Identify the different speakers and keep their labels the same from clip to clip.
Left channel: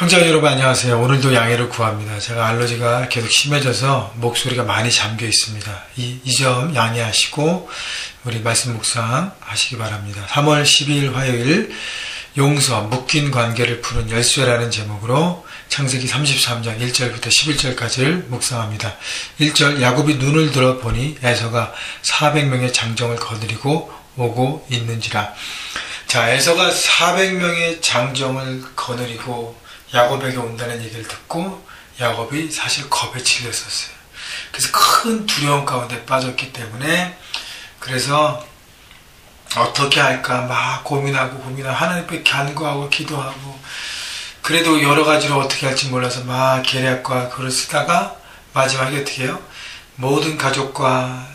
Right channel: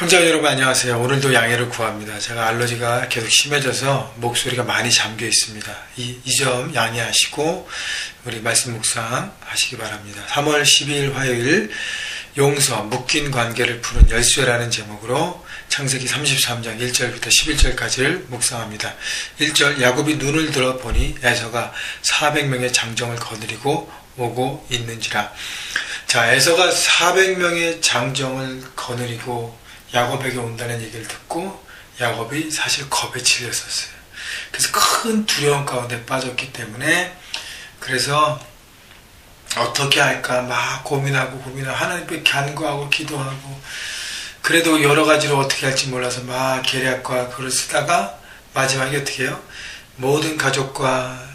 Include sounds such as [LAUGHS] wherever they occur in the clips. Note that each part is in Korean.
Speaker 1: 형제자 여러분 안녕하세요. 오늘도 양해를 구합니다. 제가 알러지가 계속 심해져서 목소리가 많이 잠겨 있습니다. 이 점 양해하시고 우리 말씀 묵상 하시기 바랍니다. 3월 12일 화요일 용서, 묶인 관계를 푸는 열쇠라는 제목으로 창세기 33장 1절부터 11절까지를 묵상합니다. 1절 야곱이 눈을 들어 보니 에서가 400명의 장정을 거느리고 오고 있는지라. 자, 에서가 400명의 장정을 거느리고 야곱에게 온다는 얘기를 듣고 야곱이 사실 겁에 질렸었어요. 그래서 큰 두려움 가운데 빠졌기 때문에 그래서 어떻게 할까 막 고민하고 고민하고 하나님께 간구하고 기도하고 그래도 여러 가지로 어떻게 할지 몰라서 막 계략과 글을 쓰다가 마지막에 어떻게 해요? 모든 가족과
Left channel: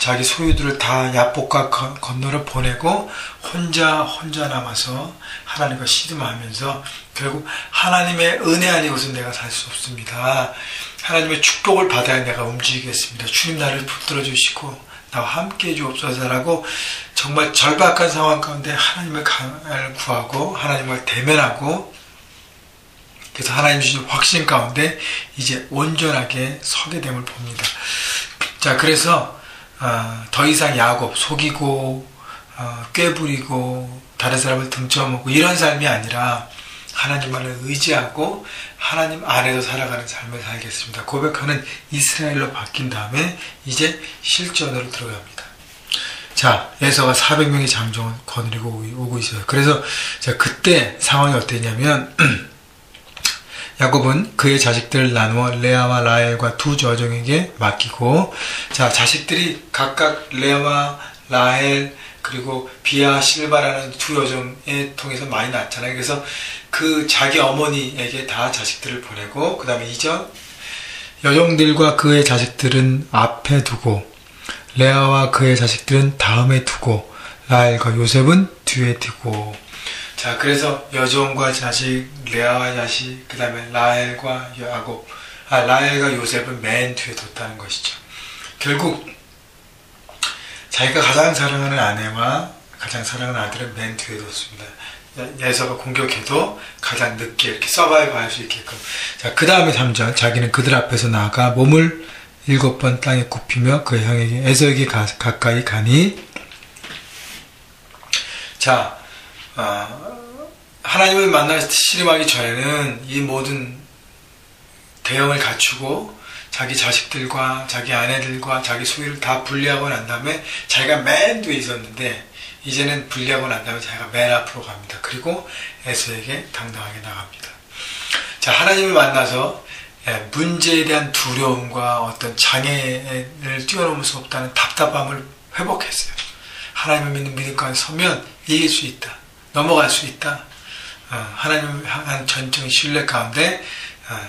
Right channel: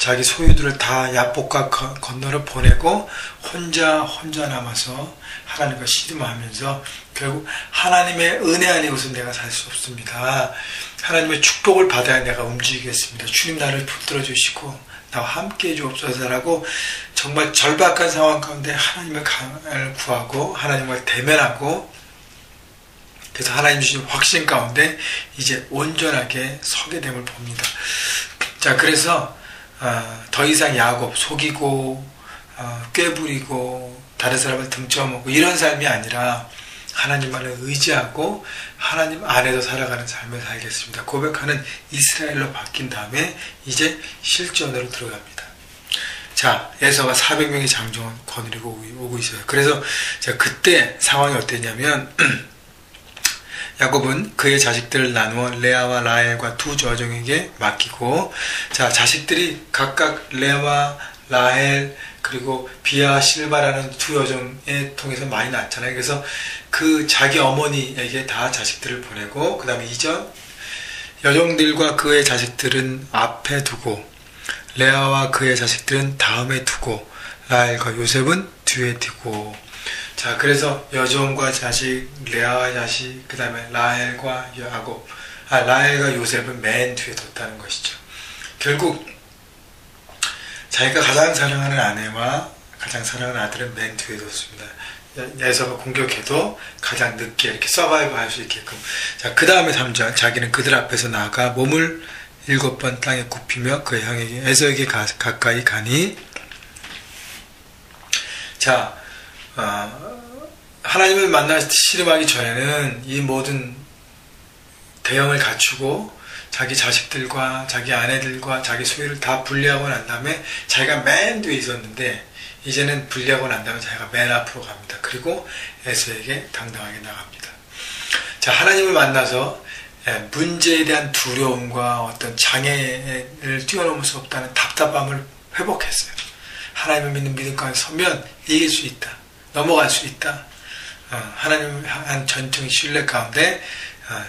Speaker 1: 자기 소유들을 다 야복과 건너를 보내고 혼자 혼자 남아서 하나님과 씨름하면서 결국 하나님의 은혜 아니고서 내가 살 수 없습니다. 하나님의 축복을 받아야 내가 움직이겠습니다. 주님 나를 붙들어 주시고 나와 함께 해주옵소서라고 정말 절박한 상황 가운데 하나님을 구하고 하나님을 대면하고 그래서 하나님 주신 확신 가운데 이제 온전하게 서게 됨을 봅니다. 자 그래서 어, 더 이상 야곱 속이고 어, 꾀부리고 다른 사람을 등쳐먹고 이런 삶이 아니라 하나님만을 의지하고 하나님 안에서 살아가는 삶을 살겠습니다. 고백하는 이스라엘로 바뀐 다음에 이제 실전으로 들어갑니다. 자, 에서가 400명의 장정을 거느리고 오고 있어요. 그래서 제가 그때 상황이 어땠냐면 [CLEARS THROAT] 야곱은 그의 자식들을 나누어 레아와 라헬과 두 저정에게 맡기고 자 자식들이 각각 레아와 라헬 그리고 비아 실바라는 두 여정에 통해서 많이 낳잖아요. 그래서 그 자기 어머니에게 다 자식들을 보내고 그 다음에 이전 여종들과 그의 자식들은 앞에 두고 레아와 그의 자식들은 다음에 두고 라헬과 요셉은 뒤에 두고 자 그래서 여종과 자식 레아와 자식 그 다음에 라헬과 야곱 아 라헬과 요셉은 맨 뒤에 뒀다는 것이죠 결국 자기가 가장 사랑하는 아내와 가장 사랑하는 아들은 맨 뒤에 뒀습니다 예서가 공격해도 가장 늦게 이렇게 서바이브 할 수 있게끔. 자, 그 다음에 3절. 자기는 그들 앞에서 나가 몸을 일곱 번 땅에 굽히며 그 형에게, 에서에게 가, 가까이 가니. 자, 어, 하나님을 만나 씨름하기 전에는 이 모든 대형을 갖추고 자기 자식들과 자기 아내들과 자기 소유를 다 분리하고 난 다음에 자기가 맨 뒤에 있었는데 이제는 분리하고 난 다음에 자기가 맨 앞으로 갑니다. 그리고 에서에게 당당하게 나갑니다. 자, 하나님을 만나서 예, 문제에 대한 두려움과 어떤 장애를 뛰어넘을 수 없다는 답답함을 회복했어요. 하나님을 믿는 믿음 가운데 서면 이길 수 있다. 넘어갈 수 있다. 어, 하나님을 향한 전적 신뢰 가운데 어,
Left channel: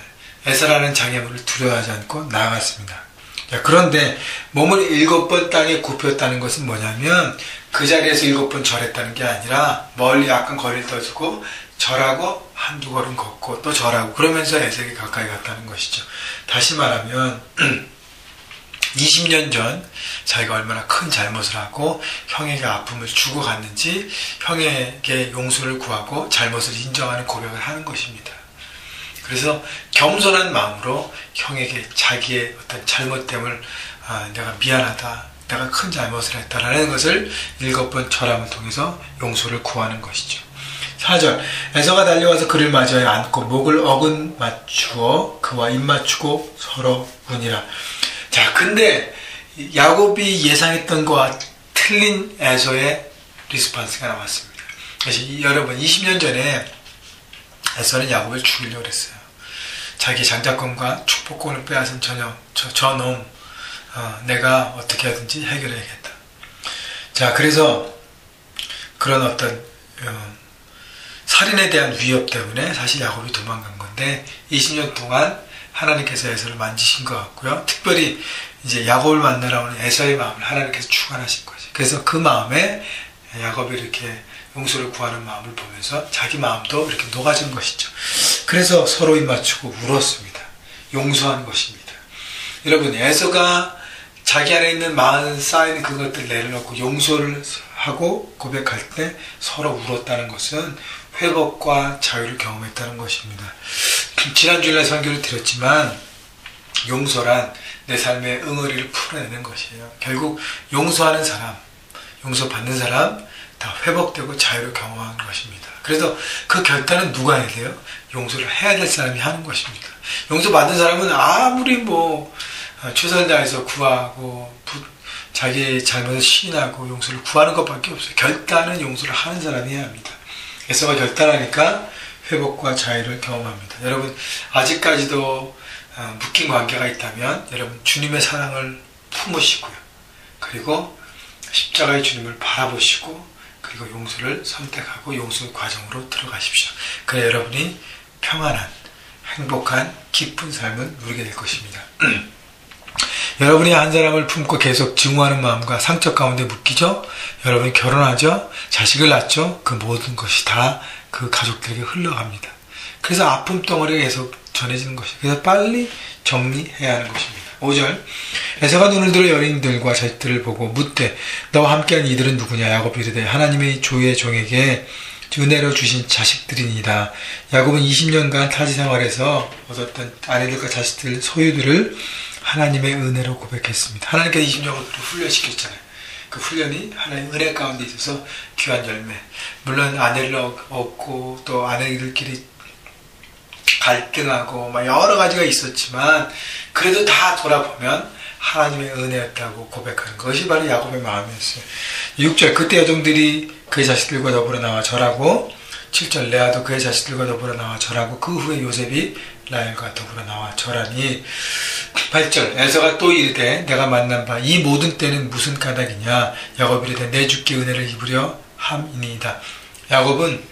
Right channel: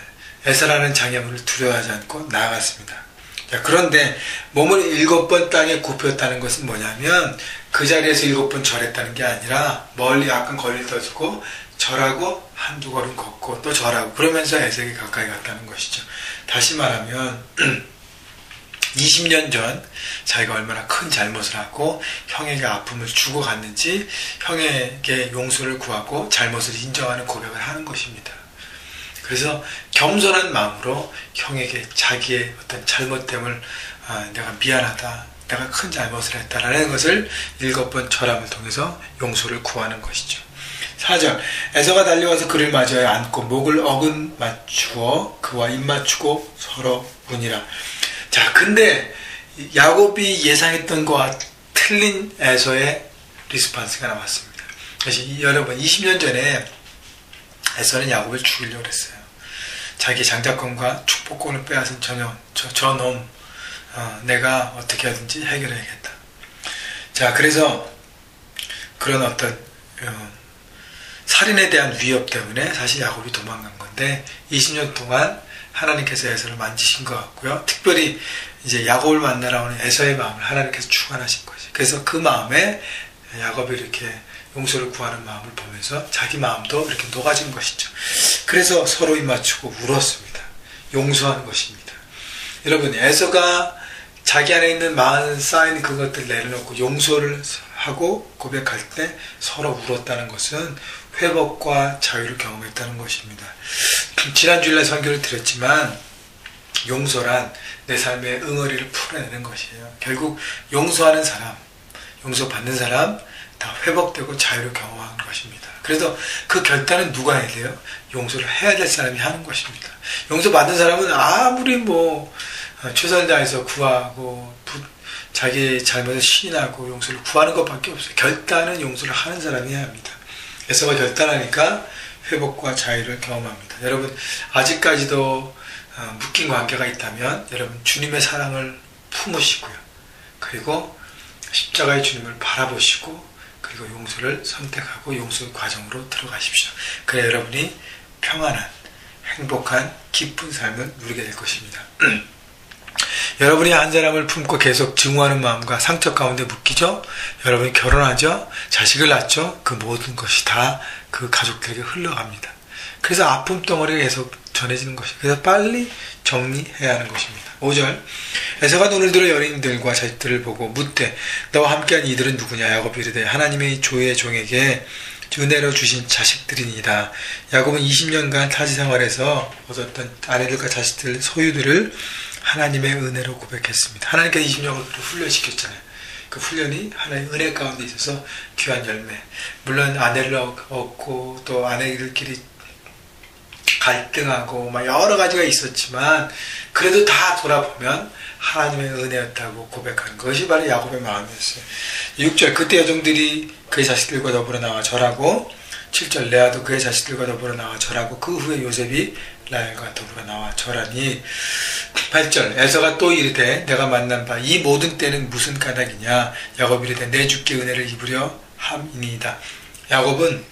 Speaker 1: 에서라는 장애물을 두려워하지 않고 나아갔습니다. 자, 그런데 몸을 일곱 번 땅에 굽혔다는 것은 뭐냐면 그 자리에서 일곱 번 절했다는 게 아니라 멀리 약간 거리를 떠주고 절하고 한두 걸음 걷고 또 절하고 그러면서 에색에 가까이 갔다는 것이죠. 다시 말하면 [CLEARS THROAT] 20년 전 자기가 얼마나 큰 잘못을 하고 형에게 아픔을 주고 갔는지 형에게 용서를 구하고 잘못을 인정하는 고백을 하는 것입니다. 그래서 겸손한 마음으로 형에게 자기의 어떤 잘못됨을 아, 내가 미안하다, 내가 큰 잘못을 했다라는 것을 일곱 번 절함을 통해서 용서를 구하는 것이죠. 4절 에서가 달려와서 그를 맞아야 안고 목을 어근 맞추어 그와 입 맞추고 서로 운이라. 자, 근데 야곱이 예상했던 것과 틀린 에서의 리스판스가 나왔습니다. 그래서 여러분 20년 전에 에서는 야곱을 죽이려고 했어요. 자기 장자권과 축복권을 빼앗은 저놈, 저, 저놈 어, 내가 어떻게 하든지 해결해야겠다. 자, 그래서 그런 어떤 어, 살인에 대한 위협 때문에 사실 야곱이 도망간 건데 20년 동안 하나님께서 에서를 만지신 것 같고요. 특별히 이제 야곱을 만나러 오는 에서의 마음을 하나님께서 주관하신 거죠. 그래서 그 마음에 야곱이 이렇게 용서를 구하는 마음을 보면서 자기 마음도 이렇게 녹아진 것이죠. 그래서 서로 입 맞추고 울었습니다. 용서하는 것입니다. 여러분, 에서가 자기 안에 있는 마음 쌓인 그것들 내려놓고 용서를 하고 고백할 때 서로 울었다는 것은 회복과 자유를 경험했다는 것입니다. 지난주일날 설교를 드렸지만 용서란 내 삶의 응어리를 풀어내는 것이에요. 결국 용서하는 사람, 용서받는 사람 다 회복되고 자유를 경험하는 것입니다. 그래서 그 결단은 누가 해야 돼요? 용서를 해야 될 사람이 하는 것입니다. 용서받은 사람은 아무리 뭐 아, 최선을 다해서 구하고 자기 잘못을 시인하고 용서를 구하는 것밖에 없어요. 결단은 용서를 하는 사람이 해야 합니다. 예서가 결단하니까 회복과 자유를 경험합니다. 여러분 아직까지도 아, 묶인 관계가 있다면 여러분 주님의 사랑을 품으시고요. 그리고 십자가의 주님을 바라보시고 그리고 용서를 선택하고 용서 과정으로 들어가십시오. 그래 여러분이 평안한 행복한 기쁜 삶을 누리게 될 것입니다. [CLEARS THROAT] 여러분이 한 사람을 품고 계속 증오하는 마음과 상처 가운데 묶이죠? 여러분이 결혼하죠? 자식을 낳죠? 그 모든 것이 다 그 가족들에게 흘러갑니다. 그래서 아픔 덩어리가 계속 전해지는 것이 그래서 빨리 정리해야 하는 것입니다. 5절 에서가 눈을 들어 연인들과 자식들을 보고 묻되 너와 함께한 이들은 누구냐 야곱이 이르되 하나님의 조의 종에게 은혜로 주신 자식들이니다. 야곱은 20년간 타지 생활에서 얻었던 아내들과 자식들 소유들을 하나님의 은혜로 고백했습니다. 하나님께서 20년을 훈련시켰잖아요. 그 훈련이 하나님의 은혜 가운데 있어서 귀한 열매. 물론 아내를 얻고 또 아내들끼리 갈등하고 막 여러 가지가 있었지만 그래도 다 돌아보면 하나님의 은혜였다고 고백하는 것이 바로 야곱의 마음이었어요. 6절 그때 여종들이 그의 자식들과 더불어 나와 절하고 7절 레아도 그의 자식들과 더불어 나와 절하고 그 후에 요셉이 라엘과 더불어 나와 절하니 8절 에서가 또 이르되 내가 만난 바 이 모든 때는 무슨 까닭이냐? 야곱이 이르되 내 주께 은혜를 입으려 함이니이다. 야곱은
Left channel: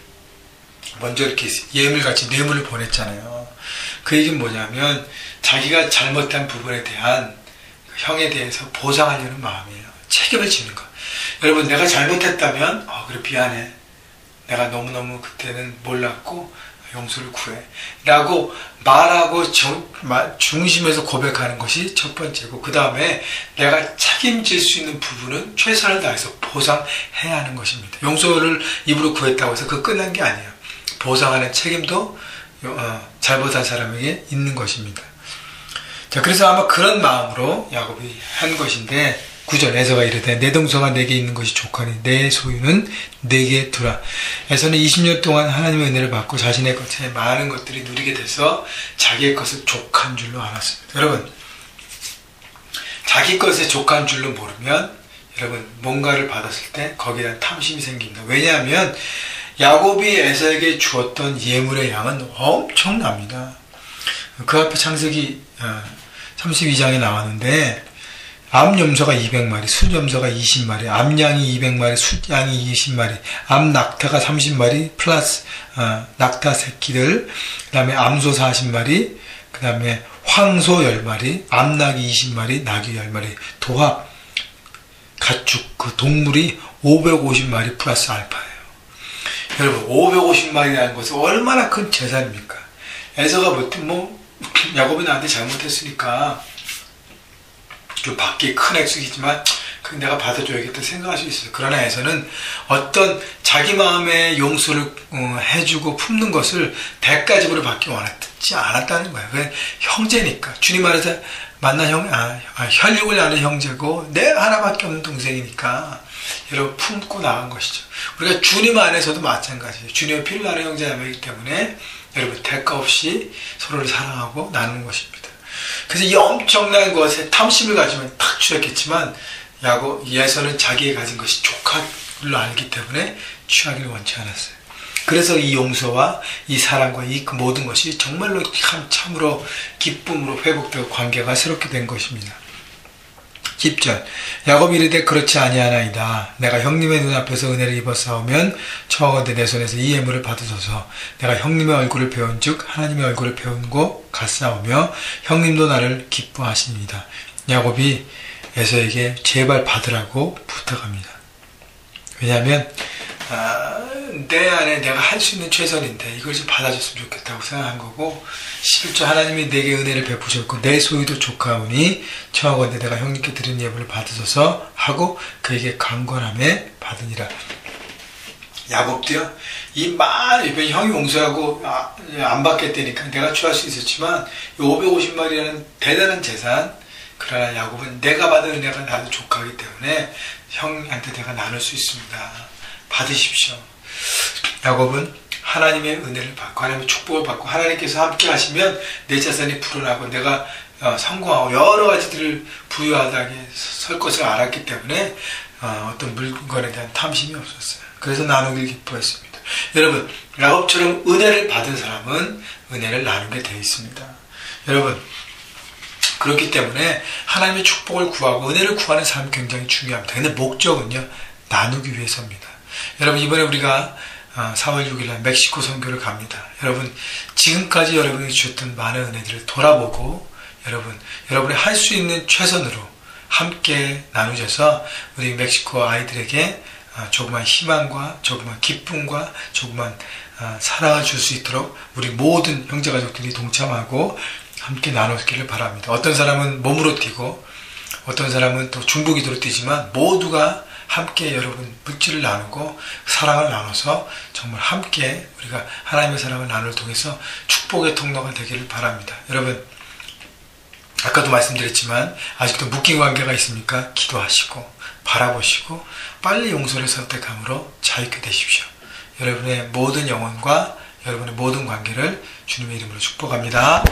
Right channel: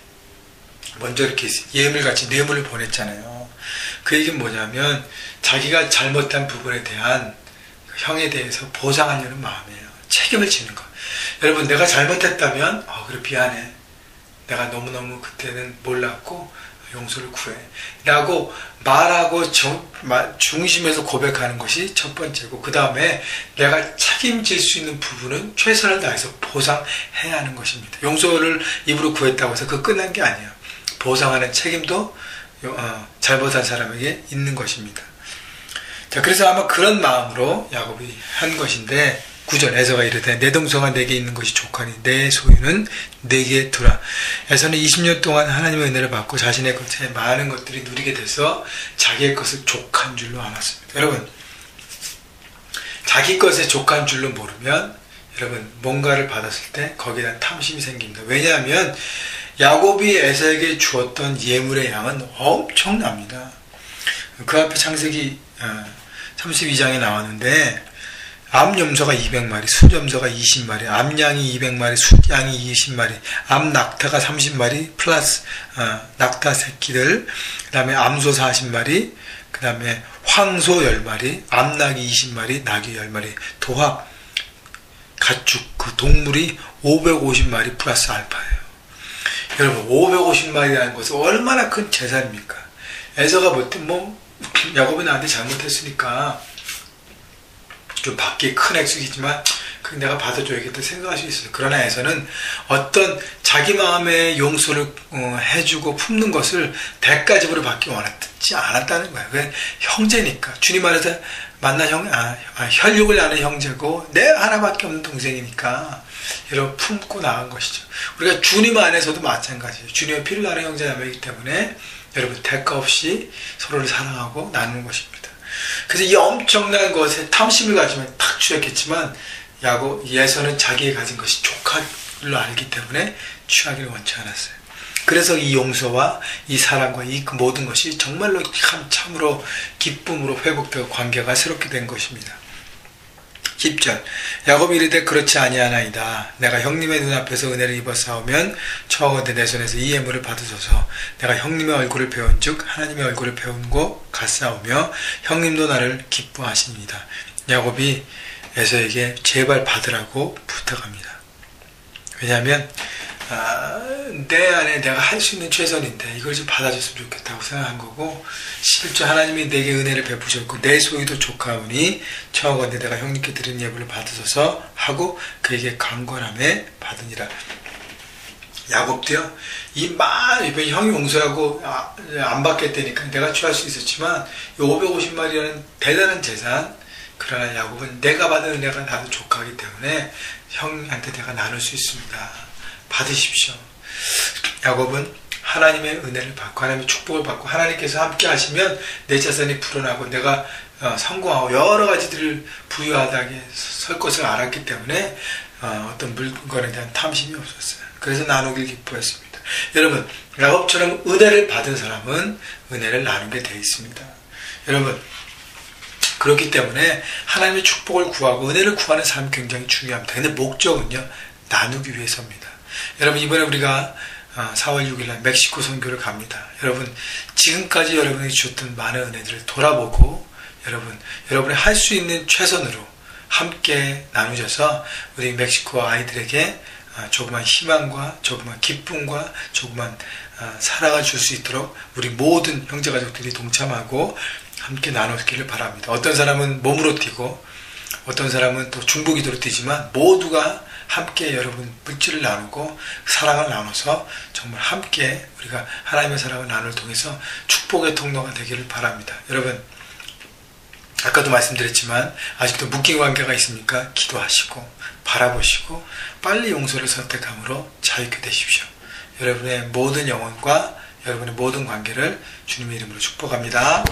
Speaker 1: 먼저 이렇게 예물같이 뇌물을 보냈잖아요. 그 얘기는 뭐냐면 자기가 잘못한 부분에 대한 형에 대해서 보상하려는 마음이에요. 책임을 지는 것 여러분 내가 잘못했다면 어 그래 미안해. 내가 너무너무 몰랐고 용서를 구해 라고 말하고 정, 중심에서 고백하는 것이 첫 번째고 그 다음에 내가 책임질 수 있는 부분은 최선을 다해서 보상해야 하는 것입니다. 용서를 입으로 구했다고 해서 그 끝난 게 아니에요. 보상하는 책임도 어, 잘못한 사람에게 있는 것입니다. 자, 그래서 아마 그런 마음으로 야곱이 한 것인데 구절 에서가 이르되 내 동서가 내게 있는 것이 족하니 내 소유는 내게 두라. 에서는 20년 동안 하나님의 은혜를 받고 자신의 것에 많은 것들이 누리게 돼서 자기의 것을 족한 줄로 알았습니다. 여러분 자기 것에 족한 줄로 모르면 여러분 뭔가를 받았을 때 거기에 대한 탐심이 생깁니다. 왜냐하면 야곱이 에서에게 주었던 예물의 양은 엄청납니다. 그 앞에 창세기 32장에 어, 나왔는데 암염소가 200마리, 숫염소가 20마리, 암양이 200마리, 숫양이 20마리, 암낙타가 30마리, 플러스 어, 낙타 새끼들, 그 다음에 암소 40마리, 그 다음에 황소 10마리, 암낙이 20마리, 낙이 10마리, 도합 가축 그 동물이 550마리 플러스 알파예요. 여러분 550마리라는 것은 얼마나 큰 재산입니까? 에서가 볼때 뭐 [LAUGHS] 야곱이 나한테 잘못했으니까 좀 받기 큰 액수이지만 그 내가 받아줘야겠다 생각할 수 있어요. 그러나 에서는 어떤 자기 마음의 용서를 어, 해주고 품는 것을 대가집으로 받기 원했지 않았다는 거예요. 그 형제니까 주님 안에서 만난 형, 아, 아, 혈육을 아는 형제고 내 하나밖에 없는 동생이니까 여러분 품고 나간 것이죠. 우리가 주님 안에서도 마찬가지예요. 주님의 피를 나는 형제자매이기 때문에 여러분 대가 없이 서로를 사랑하고 나누는 것입니다. 그래서 이 엄청난 것에 탐심을 가지면 탁 취했겠지만 야고 예서는 자기의 가진 것이 걸로 알기 때문에 취하기를 원치 않았어요. 그래서 이 용서와 이 사랑과 이 모든 것이 정말로 참으로 기쁨으로 회복되고 관계가 새롭게 된 것입니다. 10절 야곱이 이르되 그렇지 아니하나이다. 내가 형님의 눈앞에서 은혜를 입어싸우면 처하건대 내 손에서 이 예물을 받으소서. 내가 형님의 얼굴을 배운 즉 하나님의 얼굴을 배운 고 같사오며 형님도 나를 기뻐하십니다. 야곱이 에서에게 제발 받으라고 부탁합니다. 왜냐하면 아, 내 안에 내가 할 수 있는 최선인데 이걸 좀 받아줬으면 좋겠다고 생각한 거고 실제 하나님이 내게 은혜를 베푸셨고 내 소유도 조카오니 처하건대 내가 형님께 드린 예물을 받으소서 하고 그에게 강권함에 받으니라 야곱도요. 이 많은 이번 형이 용서하고 아, 안 받겠다니까 내가 취할 수 있었지만 이 550마리라는 대단한 재산 그러나 야곱은 내가 받은 은혜가 나도 족하기 때문에 형한테 내가 나눌 수 있습니다. 받으십시오. 야곱은 하나님의 은혜를 받고 하나님의 축복을 받고 하나님께서 함께 하시면 내 자산이 불어나고 내가 어, 성공하고 여러 가지들을 부유하다게 설 것을 알았기 때문에 어, 떤 물건에 대한 탐심이 없었어요. 그래서 나누길 기뻐했습니다. 여러분 야곱처럼 은혜를 받은 사람은 은혜를 나누게 되어 있습니다. 여러분 그렇기 때문에 하나님의 축복을 구하고 은혜를 구하는 삶이 굉장히 중요합니다. 근데 목적은요 나누기 위해서입니다. 여러분 이번에 우리가 4월 어, 6일 날 멕시코 선교를 갑니다. 여러분 지금까지 여러분이 주셨던 많은 은혜들을 돌아보고 여러분 여러분이 할 수 있는 최선으로 함께 나누셔서 우리 멕시코 아이들에게 어, 조그만 희망과 조그만 기쁨과 조그만 어, 사랑을 줄 수 있도록 우리 모든 형제 가족들이 동참하고 함께 나누기를 바랍니다. 어떤 사람은 몸으로 뛰고 어떤 사람은 또 중보기도로 뛰지만 모두가 함께 여러분 물질을 나누고 사랑을 나눠서 정말 함께 우리가 하나님의 사랑을 나눌 통해서 축복의 통로가 되기를 바랍니다. 여러분 아까도 말씀드렸지만 아직도 묶인 관계가 있습니까? 기도하시고 바라보시고 빨리 용서를 선택함으로 자유케 되십시오. 여러분의 모든 영혼과 여러분의 모든 관계를 주님의 이름으로 축복합니다.